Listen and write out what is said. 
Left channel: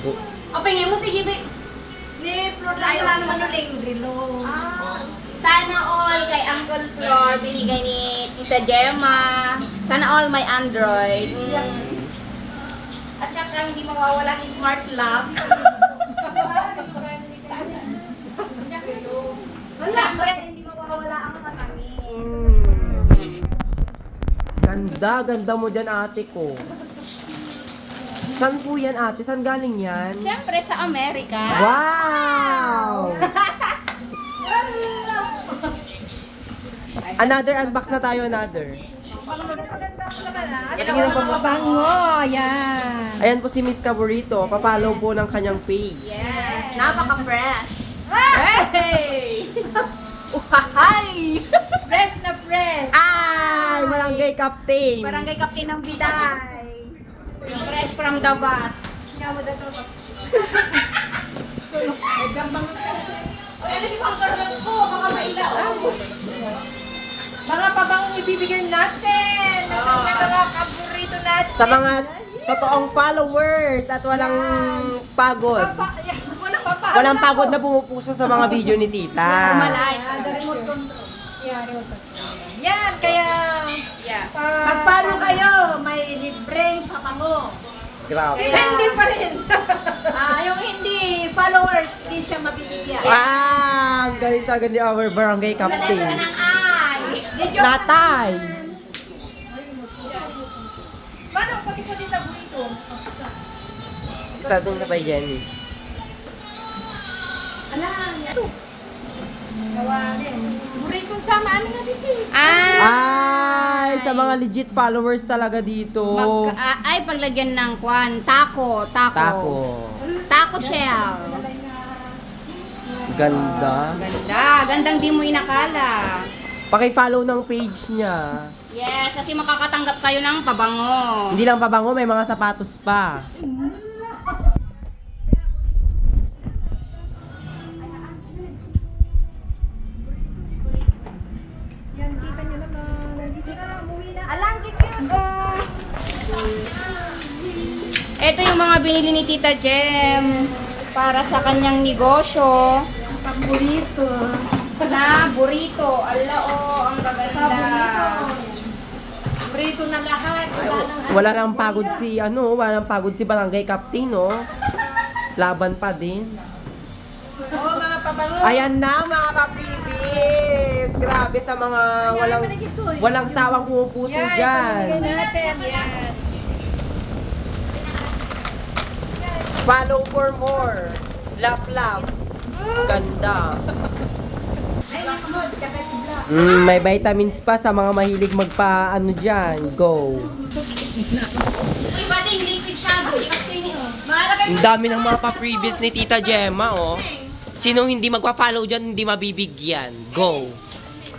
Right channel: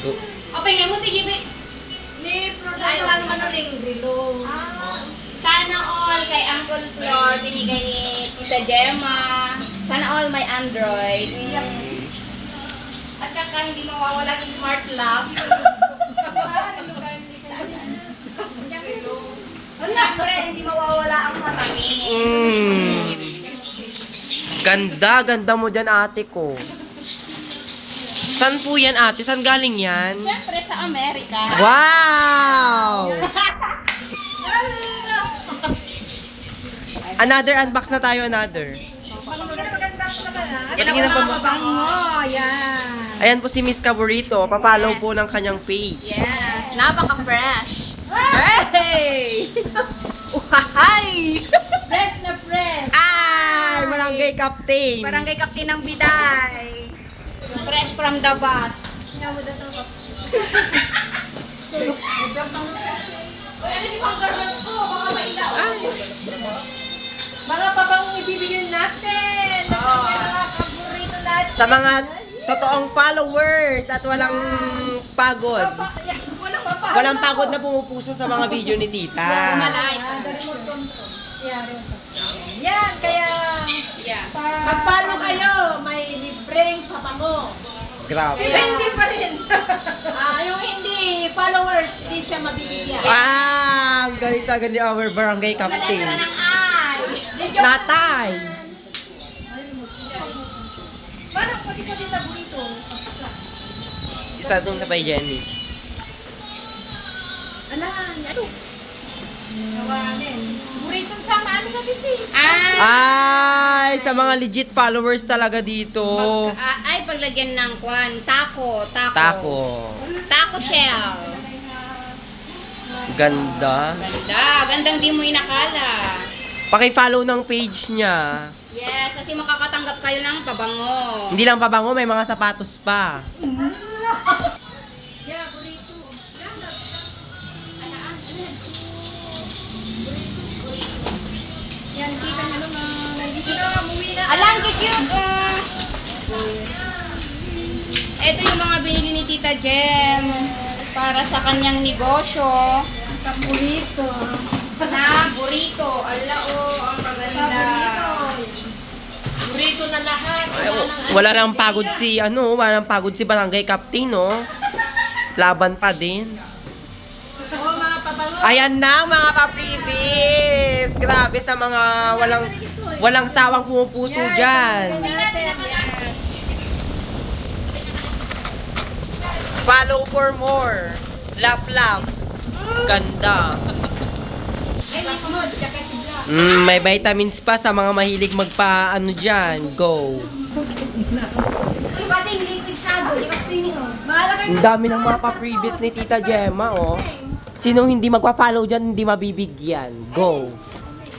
Go. Open nga mo, tigibi. Ni product lang naman ng grilo. Sana all kay Uncle Flor binigay ni Tita Gemma. Sana all may Android. At saka hindi mawawala yung smart lock. Siyempre, hindi mawawala ang matamis. Ganda, ganda mo dyan ate ko. Saan po yan ate? Saan galing yan? Siyempre sa Amerika. Wow! Another unbox na tayo, another. Patingin ng Bango, yan. Ayan po si Miss Caburito. Papalaw po ng kanyang page. Yes, napaka-fresh. Hey! Uhahay! Fresh na fresh. Ay! Barangay Captain! Barangay Captain ng Biday. Yung fresh from the bat. Nga mo daw ito. Uy, ano si Pang Garland ko? Baka mailaan. Mga pabangong ibibigyan natin. Mga paborito natin. Sa mga totoong followers at walang pagod. Walang pagod na pumupuso sa mga video ni Tita. Malay. Yan, kaya magpalo kayo, may libreng papango. Grabe. Kaya hindi pa rin. Yung hindi followers, hindi siya mabibigyan. Ah! Ang galing talaga ni our barangay captain. Natay! Paano pati ka dito bonito? Isa dun sa kay Jenny. Gawanin. Buritong sama, ano na this is? Ay! Sa mga legit followers talaga dito. Ay, paglagyan ng kwan. Taco. Taco shell. Ganda. Ganda. Gandang di mo inakala. Paki-follow ng page niya. Yes, kasi makakatanggap kayo ng pabango. Hindi lang pabango, may mga sapatos pa. Alang, cute eh. Ito yung mga binili ni Tita Jem para sa kanyang negosyo. Burrito. Na burrito. Ala ang maganda. Burrito na lahat. Ay, wala nang pagod si barangay captain, no? Laban pa din. Mga pabango. Ayan na mga ka-freebies! Grabe sa mga walang sawang pumupuso dyan. Follow for more. Laugh. Ganda. May vitamins pa sa mga mahilig magpa-ano dyan. Go. Uy, pati liquid shadow. Di gusto yun yun. Ang dami ng mga pa-freebies ni Tita Gemma, oh. Sino hindi magpa-follow dyan, hindi mabibigyan. Go.